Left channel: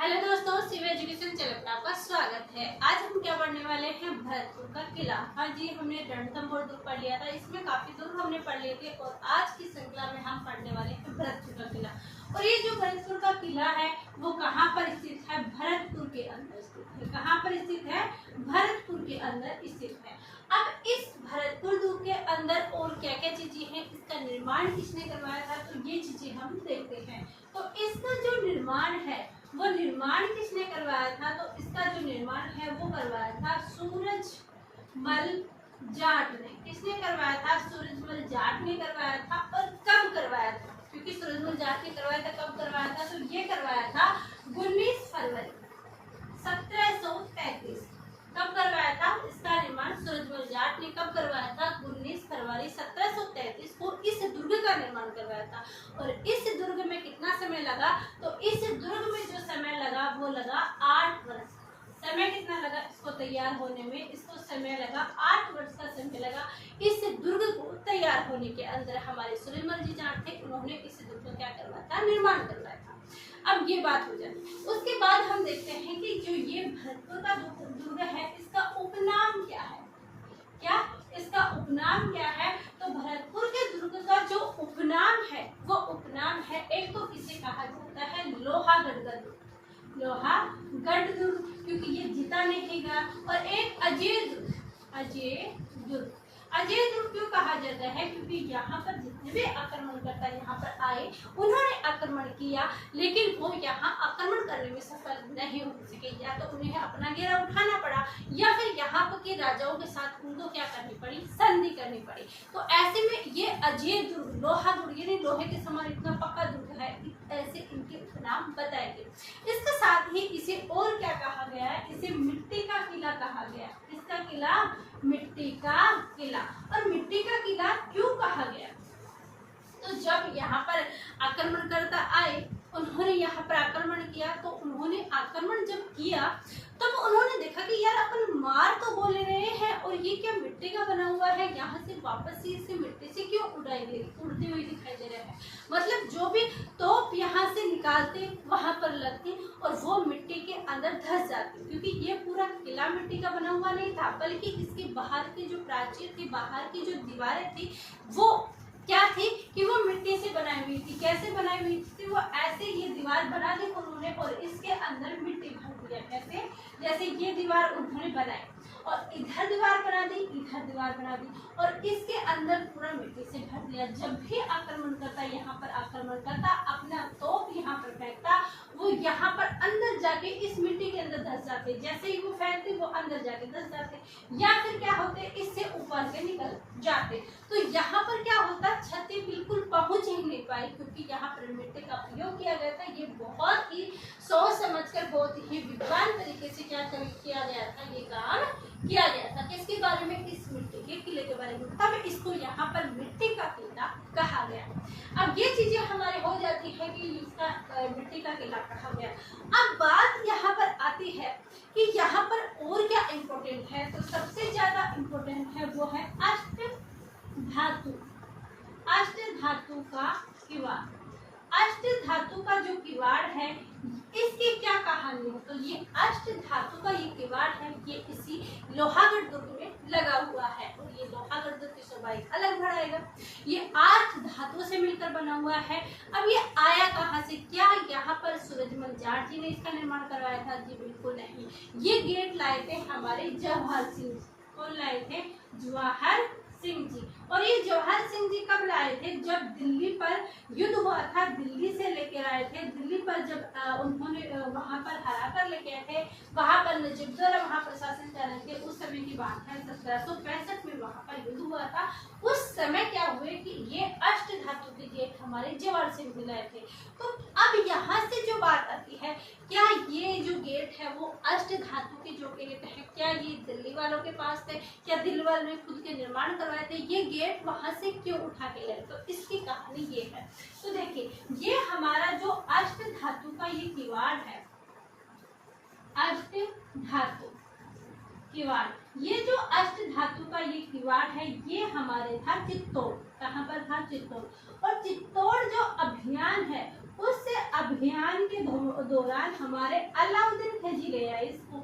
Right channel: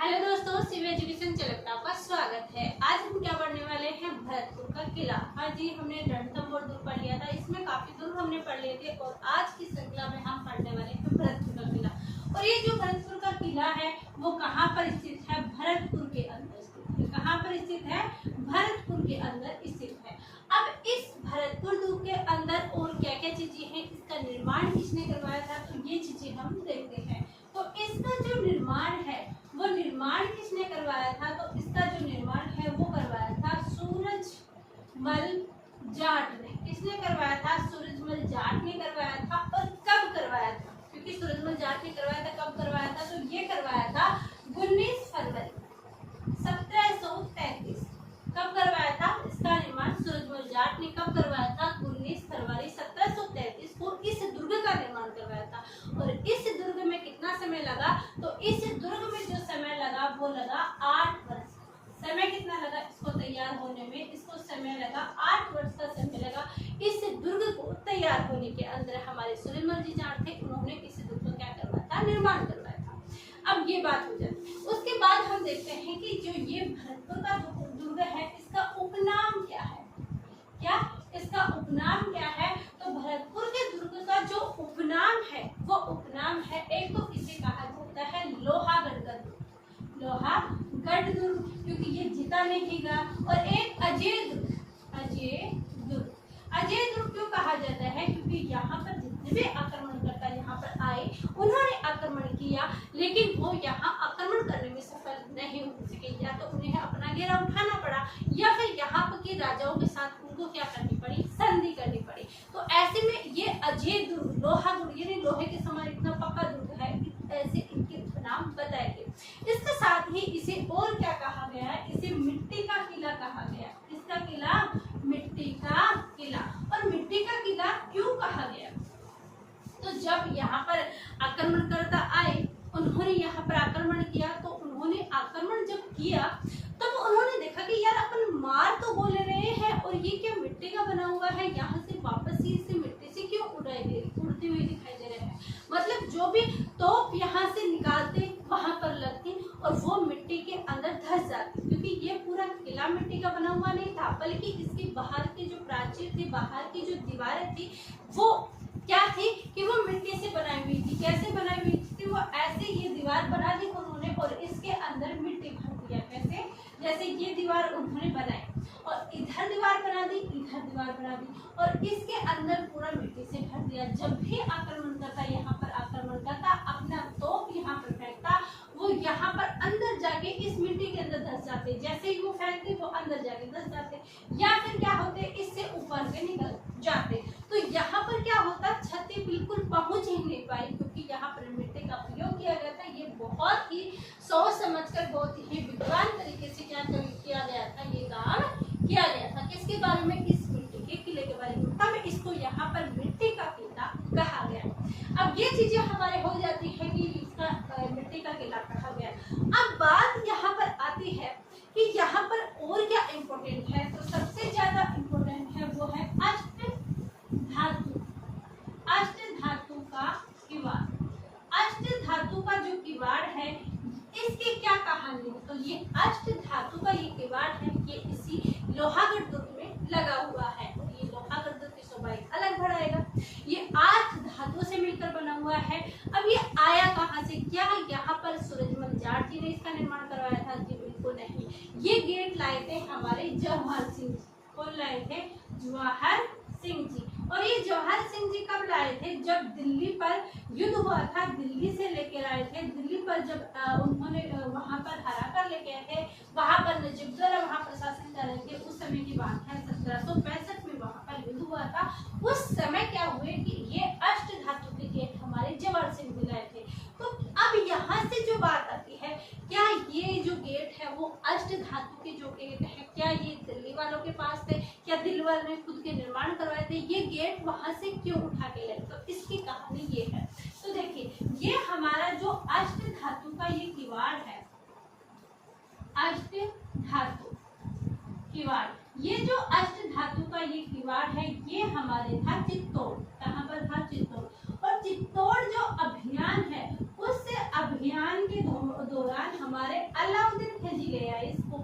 Hello दोस्तों, Shiv education channel पर आपका स्वागत है। आज हम क्या पढ़ने वाले हैं? भरतपुर का किला। हाँ जी, हमने रणथंभौर दुर्ग पढ़ लिया था, इसमें काफी दुर्ग हमने पढ़ लिए थे और आज की श्रृंखला में हम पढ़ने वाले हैं भरतपुर का किला। और ये जो भरतपुर का किला है वो कहाँ पर स्थित है? भरतपुर के अंदर स्थित है। कहाँ पर स्थित है? भरतपुर के अंदर स्थित है। अब इस भरतपुर दुर्ग के अंदर और क्या क्या चीजें हैं, इसका निर्माण किसने करवाया था, तो ये चीजें हम देखते हैं। तो इसका जो निर्माण है वो निर्माण किसने करवाया था? तो इसका जो निर्माण है वो करवाया था सूरजमल जाट ने। किसने करवाया था? सूरजमल जाट ने करवाया था। और कब करवाया था? क्योंकि सूरजमल जाट ने करवाया था, कब करवाया था? तो ये करवाया था 19 फरवरी 1733। कब करवाया था इसका निर्माण? सूरजमल जाट ने कब करवाया था? 19 फरवरी 1733 को इस दुर्ग का निर्माण करवाया था। और इस दुर्ग में कितना समय लगा? तो इस दुर्ग में जो समय लगा वो लगा 8 वर्ष। समय कितना लगा इसको तैयार होने में? इसको समय लगा 8 वर्ष का समय लगा। इस दुर्ग को तैयार होने के अंदर हमारे सूरजमल जी जाट थे, उन्होंने इस दुर्ग को क्या करवाया था? निर्माण करवाया था। अब ये बात हो जाती है। उसके बाद हम देखते हैं कि जो ये भरतपुर का दुर्ग है इसका उपनाम क्या है? क्या इसका उपनाम क्या है? तो भरतपुर के दुर्ग का जो उपनाम है वो उपनाम है, एक तो इसे कहा जाता है लोहागढ़ दुर्ग। लोहागढ़ दुर्ग, क्योंकि ये जीता नहीं गया। और एक अजय दुर्ग। अजय दुर्ग क्यों कहा जाता है? क्योंकि यहाँ पर जितने भी आक्रमणकर्ता यहाँ पर आए उन्होंने आक्रमण किया, लेकिन वो यहाँ आक्रमण करने में सफल नहीं हो सके। या तो उन्हें अपना घेरा उठाना पड़ा या फिर यहाँ पर के राजाओं के साथ उनको क्या करनी पड़ी? संधि करनी पड़ी। तो ऐसे में ये अजय दुर्ग, लोहा दुर्ग यानी लोहे के समान इतना पक्का दुर्ग है, ऐसे इनके उपनाम बताए गए। इसके साथ ही इसे और क्या कहा गया है? इसे मिट्टी का किला कहा गया। इसका किला मिट्टी का किला। और मिट्टी का किला क्यों कहा गया? तो जब यहाँ पर आक्रमणकर्ता आए, उन्होंने यहाँ पर आक्रमण किया, तो उन्होंने आक्रमण जब किया तब तो उन्होंने देखा कि यार अपन मार तो बोले रहे हैं और ये क्या मिट्टी का बना हुआ है, यहाँ से वापस ही इसे मिट्टी से क्यों उड़ती हुई दिखाई दे रहे हैं। मतलब जो भी तोप यहाँ से निकालते वहां पर लगती और वो मिट्टी के अंदर धंस जाती, क्योंकि ये पूरा किला मिट्टी का बना हुआ नहीं था, बल्कि इसके बाहर की जो प्राचीर थी, बाहर की जो दीवारें थी वो क्या थी कि वो मिट्टी से बनाई हुई थी। कैसे बनाई हुई थी? वो ऐसे ये दीवार बना दी उन्होंने और इसके अंदर मिट्टी भर दिया। कैसे? जैसे ये दीवार उन्होंने बनाई और इधर दीवार बना दी, इधर दीवार बना दी और इसके अंदर पूरा मिट्टी से भर दिया। जब भी आक्रमण करता यहाँ पर आक्रमण करता, अपना तोप यहाँ पर फेंकता, वो यहाँ पर अंदर जाके इस मिट्टी के अंदर धंस जाते। जैसे ही वो फेंकते वो अंदर जाके धंस जाते, या फिर क्या होते इससे ऊपर से निकल जाते। तो यहाँ पर क्या होता? क्षति बिल्कुल पहुंच ही नहीं पाई, क्योंकि यहाँ पर मिट्टी का प्रयोग किया गया था। ये बहुत ही सोच समझकर, बहुत ही विद्वान तरीके से क्या किया गया था? ये काम किया गया था। किसके बारे में? इस मिट्टी के किले के बारे में। तब इसको यहाँ पर मिट्टी का किला कहा गया। अब ये चीजें हमारे हो जाती है कि इसका मिट्टी का किला कहा गया। अब बात यहाँ पर आती है कि यहाँ पर और क्या इम्पोर्टेंट है? तो सबसे ज्यादा इम्पोर्टेंट है वो है अष्ट धातु का किवाड़। अष्ट धातु का जो किवाड़ है इसकी क्या कहानी है? तो ये अष्ट धातु का ये किवाड़ है, ये इसी लोहागढ़ दुर्ग में लगा हुआ है। और ये लोहागढ़ दुर्ग की शोभा अलग बढ़ाएगा। ये 8 धातुओं से मिलकर बना हुआ है। अब ये आया कहाँ से? क्या यहाँ पर सूरजमल जाट जी ने इसका निर्माण करवाया था? जी बिल्कुल नहीं। ये गेट लाए थे हमारे जवाहर सिंह जी। कौन लाए थे? जवाहर सिंह जी। और ये जवाहर सिंह जी कब लाए थे? जब दिल्ली पर युद्ध हुआ था, दिल्ली से लेकर आए थे। दिल्ली पर जब उन्होंने वहां पर हरा कर लेके आए थे, वहां पर नजीबुद्दौला वहां प्रशासन कर रहे थे। उस समय की बात है, 1765 में वहां पर युद्ध हुआ था। उस समय क्या हुए कि ये अष्ट धातु के गेट हमारे जवाहर सिंह जी लाए थे। तो अब यहाँ से जो बात आती है, क्या ये जो गेट है वो अष्ट धातु के जो गेट है, क्या ये दिल्ली वालों के पास थे? क्या दिल्ली वालों ने खुद के निर्माण करवाए थे? ये गेट वहां से क्यों उठा के लाए? तो इसकी कहानी ये है। तो देखिए, ये हमारा जो अष्ट धातु का ये किवाड़ है, अष्ट धातु किवाड़, ये जो अष्ट धातु का ये किवाड़ है ये हमारे था चित्तौड़। कहाँ पर था? चित्तौड़। और चित्तौड़ जो अभियान है उस अभियान के दौरान हमारे अलाउद्दीन खिलजी ले आए इसको।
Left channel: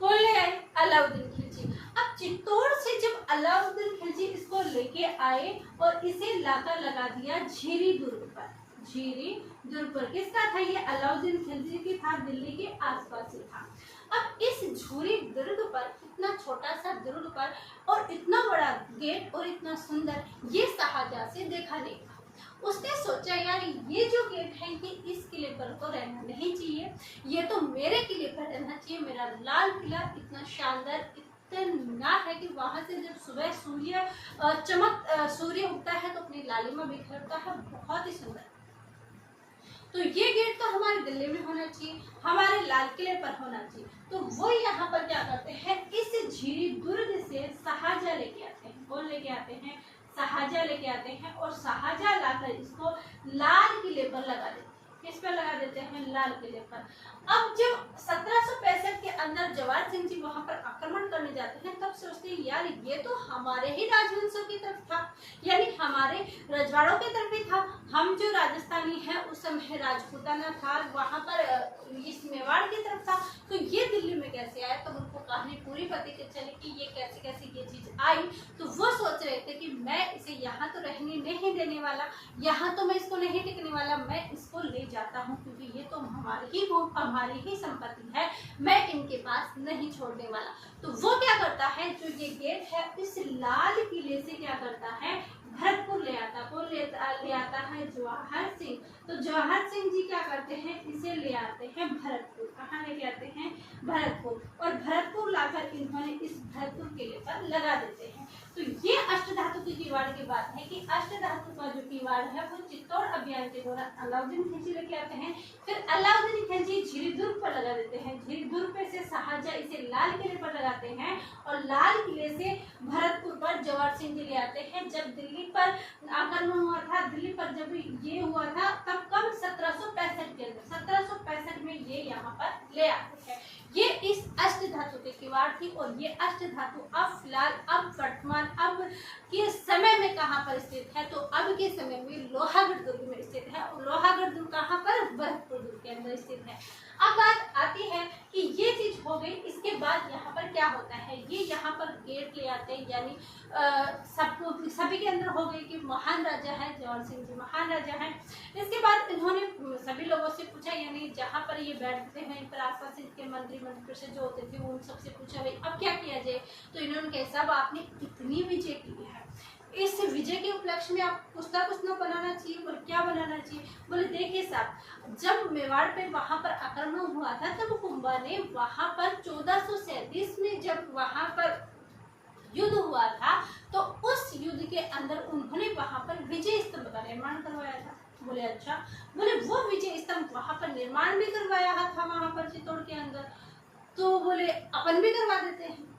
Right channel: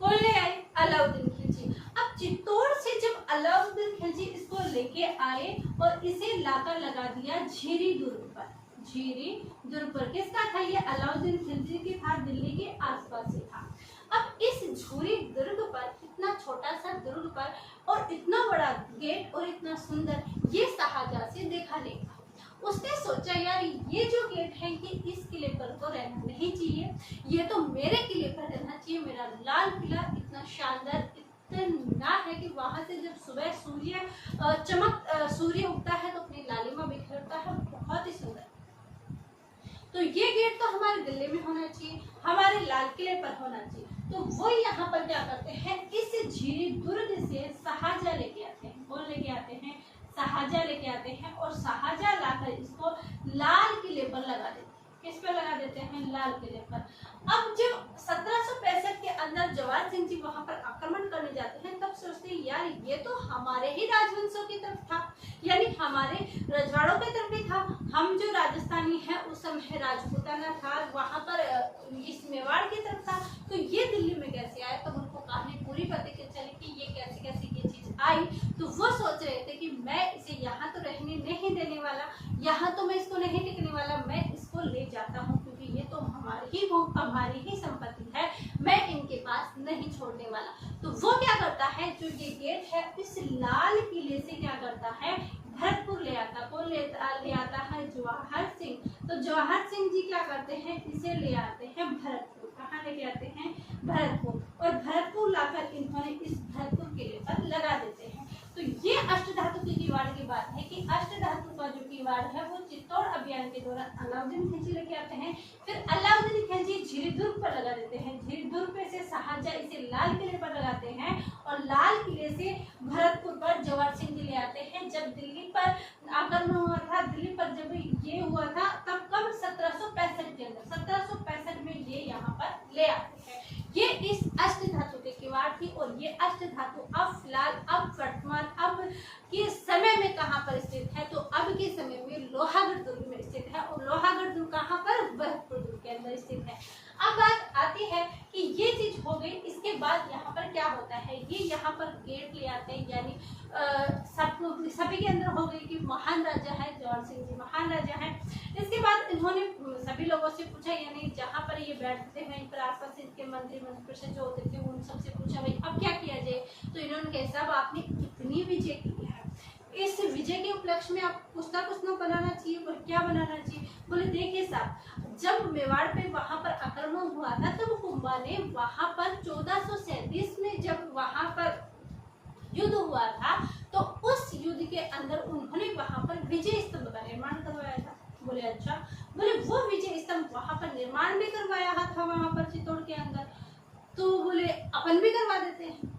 कौन ले आए? अलाउद्दीन खिलजी। अब चित्तौड़ से जब अलाउद्दीन खिलजी इसको लेके आए और इसे लाकर लगा दिया झीरी दुर्ग पर। झीरी दुर्ग पर किसका था? ये अलाउद्दीन खिलजी की था, दिल्ली के आसपास से था। अब इस झूरी दुर्ग पर, इतना छोटा सा दुर्ग पर और इतना बड़ा गेट और इतना सुंदर, ये शाहजहां से देखा नहीं था। उसने सोचा यार ये जो गेट है ये इस किले पर तो रहना नहीं चाहिए, ये तो मेरे किले पर रहना चाहिए। मेरा लाल किला इतना शानदार, इतना है कि वहां से जब सुबह सूर्य उगता है तो अपनी लालिमा बिखरता है, बहुत ही सुंदर। तो ये गेट तो हमारे दिल्ली में होना चाहिए, हमारे लाल किले पर होना चाहिए। तो वो यहाँ पर क्या करते हैं, इस झीरी दुर्ग से शाहजहां लेके आते हैं। कौन लेके आते हैं? शाहजहां लेके आते हैं और शाहजहां लाकर इसको लाल किले पर लगा देते हैं। किस पर लगा देते हैं? लाल किले पर। अब जब 1765 के अंदर जवाहर सिंह जी वहां पर आक्रमण करने जाते हैं, तब सोचते हैं यार ये तो हमारे ही राजवंशों की तरफ था, यानी हमारे रजवाड़ों की तरफ ही था। हम जो राजस्थानी हैं उस समय राजपूताना था, वहां पर इस मेवाड़ की तरफ था, तो ये दिल्ली में कैसे आया? तो उनको कहानी पूरी पता चली कि ये कैसे कैसे ये चीज आई। तो वो सोच रहे थे कि मैं इसे यहाँ तो रहने नहीं देने वाला, यहाँ तो मैं इसको नहीं टिकने वाला, मैं इसको ले जाता हूँ क्योंकि ये तो हमारी ही संपत्ति है, मैं इनके पास नहीं छोड़ने वाला। तो वो क्या करता है, जो ये गेट है इस लाल किले से क्या करता है, भरतपुर ले आता। कौन ले आता है? जवाहर सिंह। तो जवाहर सिंह जी क्या करते हैं, इसे ले आते हैं भरतपुर। कहाँ लेके आते हैं? भरतपुर। और भरतपुर लाकर इन्होंने इस भरतपुर किले पर लगा देते हैं। तो ये अष्टधातु की किवाड़ की बात है कि अष्टधातु का जो किवाड़ है वो चित्तौड़ अभियान के दौरान अलाउद्दीन खिलजी लेके आते हैं। फिर अलाउद्दीन खिलजी झीरी दुर्ग पर लगा देते हैं। झीरी दुर्ग पे से शाहजहां इसे लाल किले पर लगाते हैं और लाल किले से भरतपुर पर जवाहर सिंह जी ले आते हैं। जब दिल्ली पर आक्रमण हुआ था, दिल्ली पर जब ये हुआ था तब कब? 1765 के अंदर, 1765 में ये यहाँ पर ले आते हैं। ये इस अष्टधातु के किवाड़ थी और ये अष्टधातु अब फिलहाल, अब वर्तमान, अब के समय में कहाँ पर स्थित है? तो अब के समय में लोहागढ़ दुर्ग में स्थित है। और लोहागढ़ दुर्ग कहाँ पर? भरतपुर दुर्ग के अंदर स्थित है। अब बात आती है कि ये चीज हो गई, इसके बाद यहाँ पर क्या होता है, ये यहाँ पर गेट ले आते हैं, यानी सभी के अंदर हो गई कि महान राजा है जवाहर सिंह जी, महान राजा है। इसके बाद इन्होंने सभी लोगों से पूछा, यानी जहाँ पर ये बैठते हैं पर आसपास इसके मंत्री परिषद जो होते थे उन सबसे पूछा भाई अब क्या किया जाए। तो इन्होंने कहा साहब आपने इतनी विजय की है, इस विजय के उपलक्ष्य में आप कुछ ना कुछ बनाना चाहिए। और क्या बनाना चाहिए? बोले देखिए साहब, जब मेवाड़ पे वहां पर आक्रमण हुआ था तब कुंभा ने वहां पर 1437 में जब वहां पर युद्ध हुआ था तो उस युद्ध के अंदर उन्होंने वहां पर विजय स्तंभ का निर्माण करवाया था। बोले अच्छा। बोले वो विजय स्तंभ वहां पर निर्माण भी करवाया था वहां पर चित्तौड़ के अंदर, तो बोले अपन भी करवा देते हैं।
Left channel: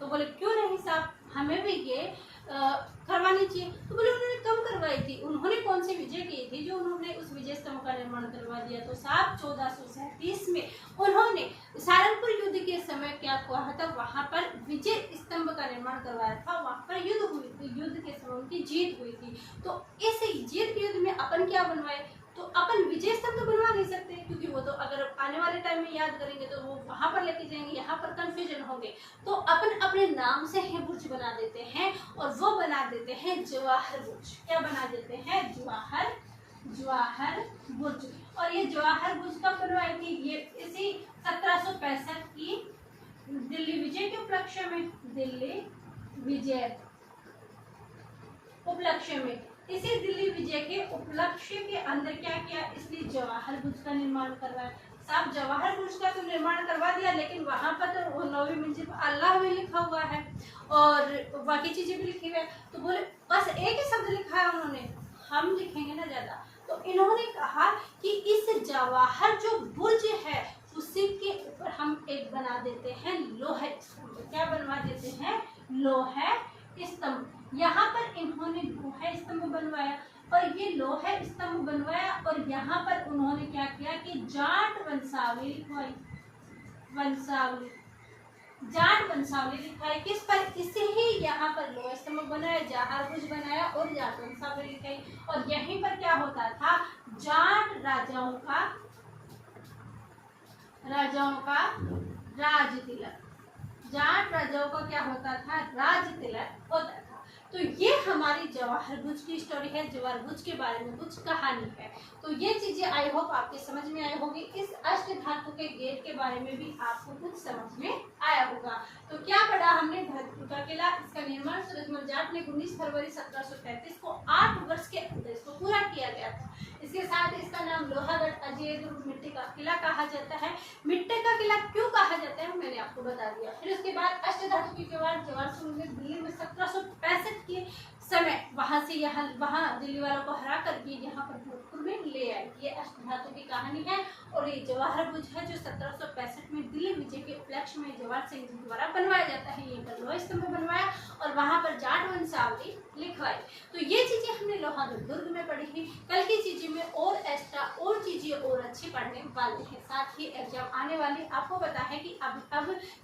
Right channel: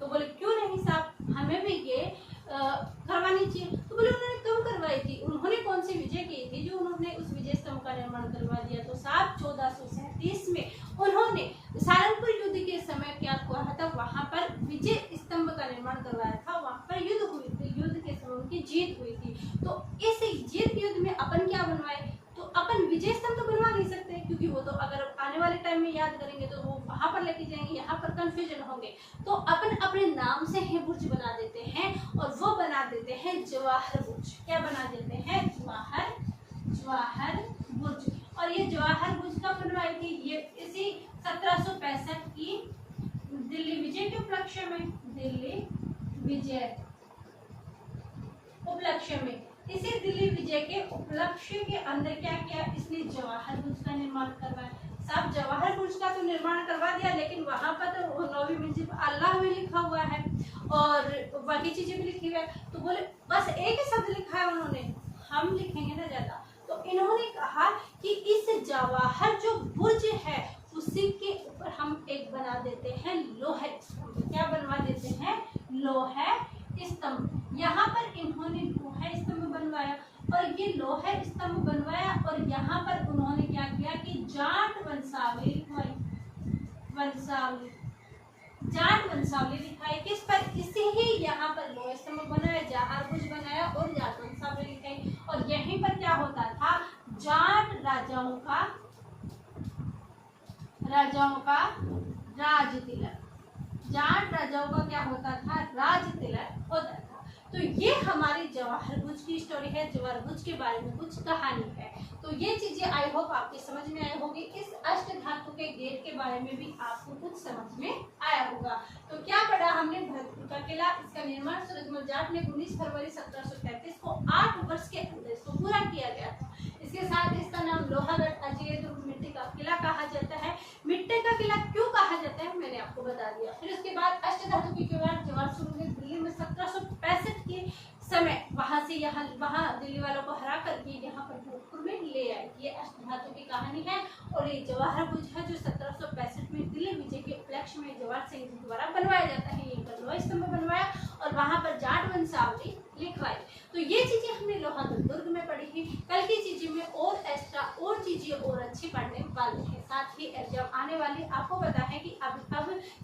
तो बोले क्यों नहीं साहब, हमें भी ये करवानी चाहिए। तो बोले उन्होंने कब करवाई थी, उन्होंने कौन सी विजय की थी जो उन्होंने उस विजय स्तंभ का निर्माण करवा दिया? तो साहब 1437 में उन्होंने सहारनपुर युद्ध के समय क्या हुआ था, वहां पर विजय स्तंभ का निर्माण करवाया था। वहां पर युद्ध हुई थी, युद्ध के समय उनकी जीत हुई थी। तो इस जीत युद्ध में अपन क्या बनवाए, तो अपन विजय स्तंभ तो बनवा नहीं सकते क्योंकि वो तो अगर आने वाले टाइम में याद करेंगे तो वो वहां पर लेके जाएंगे, यहाँ पर कंफ्यूजन होंगे। तो अपन अपने नाम से ही बुर्ज बना देते हैं और वो बना देते हैं जवाहर बुर्ज। क्या बना देते हैं? जवाहर बुर्ज। और ये जवाहर बुर्ज कब बनवाई थी? ये इसी 1765 की दिल्ली विजय के उपलक्ष्य में, दिल्ली विजय उपलक्ष्य में, इसी दिल्ली विजय के उपलक्ष्य के अंदर क्या किया, इसने जवाहर बुर्ज का निर्माण करवाया। साहब जवाहर बुर्ज का तो निर्माण करवा दिया, लेकिन वहां पर तो 9वीं मंजिल पर अल्लाह में लिखा हुआ है और बाकी चीजें भी लिखी हुई है। तो बोले बस एक ही शब्द लिखा है उन्होंने, हम लिखेंगे ना ज्यादा। तो इन्होंने कहा कि इस जवाहर जो बुर्ज है उसी के ऊपर हम एक बना देते हैं लोहा स्तंभ। क्या बनवा देते हैं? लोहा स्तंभ। यहाँ पर इन्होंने लोहा स्तंभ बनवाया और ये लोहा स्तंभ बनवाया और यहाँ पर उन्होंने क्या किया कि जाट वंशावली लिखवाई। जाट वंशावली लिखाई किस पर? इसे ही यहाँ पर लोहा स्तंभ बनाया, जवाहर बुर्ज बनाया और जाट वंशावली लिखाई। और यहीं पर क्या होता था, जाट राजाओं का राजाओं का राज तिलक, जाट राजाओं का क्या होता था, राज तिलक होता था। तो ये हमारी जवाहर भुज की स्टोरी है, जवाहर भुज के बारे में कुछ कहानी है। तो ये चीजें आई होप आपके समझ में आई होगी। इस अष्ट धातु के गेट के बारे में भी आपको कुछ समझ में आया होगा। तो क्या पढ़ा हमने, भरतपुर का किला, इसका निर्माण सूरजमल जाट ने 19 फरवरी 1733 को 8 वर्ष के अंदर इसको पूरा किया गया था। इसके साथ इसका नाम लोहागढ़ अजय दुर्ग मिट्टी का किला कहा जाता है। मिट्टी का किला क्यों कहा जाता है मैंने आपको बता दिया। फिर उसके बाद अष्ट धातु के बाद जवाहर सूर्य ने दिल्ली में 1765 के समय वहां से यहाँ वहां दिल्ली वालों को हरा करके यहाँ पर भोजपुर में ले आए। ये अष्ट धातु की कहानी है। और ये जवाहर भुज है जो 1765 में दिल्ली विजय के उपलक्ष्य में जवाहर सिंह जी द्वारा बनवाया जाता है। ये लोहा स्तंभ बनवाया और वहां पर जाट वंशावली लिखवाई। तो ये चीजें हमने लोहागढ़ दुर्ग में पढ़ी थी। कल की चीजें में और एक्स्ट्रा और चीजें और अच्छी पढ़ने वाले हैं। साथ ही एग्जाम आने वाले आपको पता है कि अब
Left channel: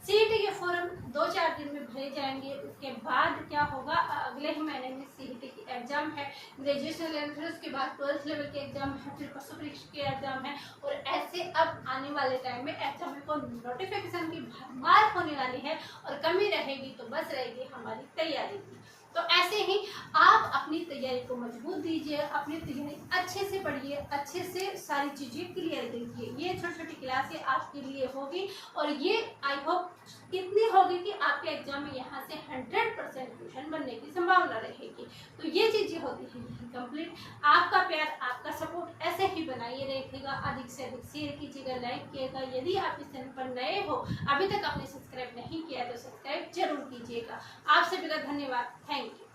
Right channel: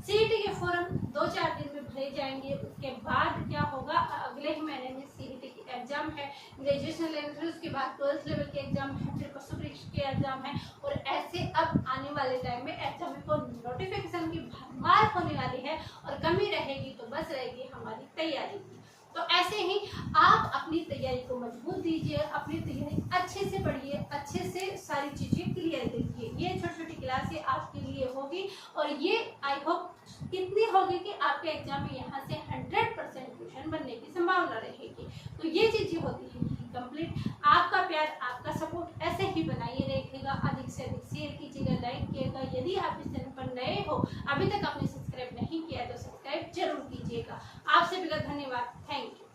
सीईटी के फॉर्म 2-4 दिन में भरे जाएंगे। उसके बाद क्या होगा, अगले ही महीने में सीईटी की एग्जाम है, ग्रेजुएशन लेवल, फिर उसके बाद 12th लेवल के एग्जाम है, फिर पशु परीक्षा के एग्जाम है। और ऐसे अब आने वाले टाइम में एग्जाम को नोटिफिकेशन की भरमार होने वाली है और कमी रहेगी तो बस रहेगी हमारी तैयारी की। तो ऐसे ही आप अपनी तैयारी को मजबूत दीजिए, अपनी तैयारी अच्छे से पढ़िए, अच्छे से सारी चीजें क्लियर कीजिए। ये छोटी छोटी क्लासें आपके लिए होगी और ये आई होप कितनी होगी कि आपके एग्जाम में यहाँ से 100% क्वेश्चन बनने की संभावना रहेगी। तो ये चीजें होती है कंप्लीट। आपका प्यार, आपका सपोर्ट ऐसे ही बनाइए रखिएगा। अधिक से अधिक शेयर कीजिएगा, लाइक कीजिएगा। यदि आप इस चैनल पर नए हो, अभी तक आपने सब्सक्राइब नहीं किया तो सब्सक्राइब जरूर कीजिएगा। आपसे भी धन्यवाद। Thank you.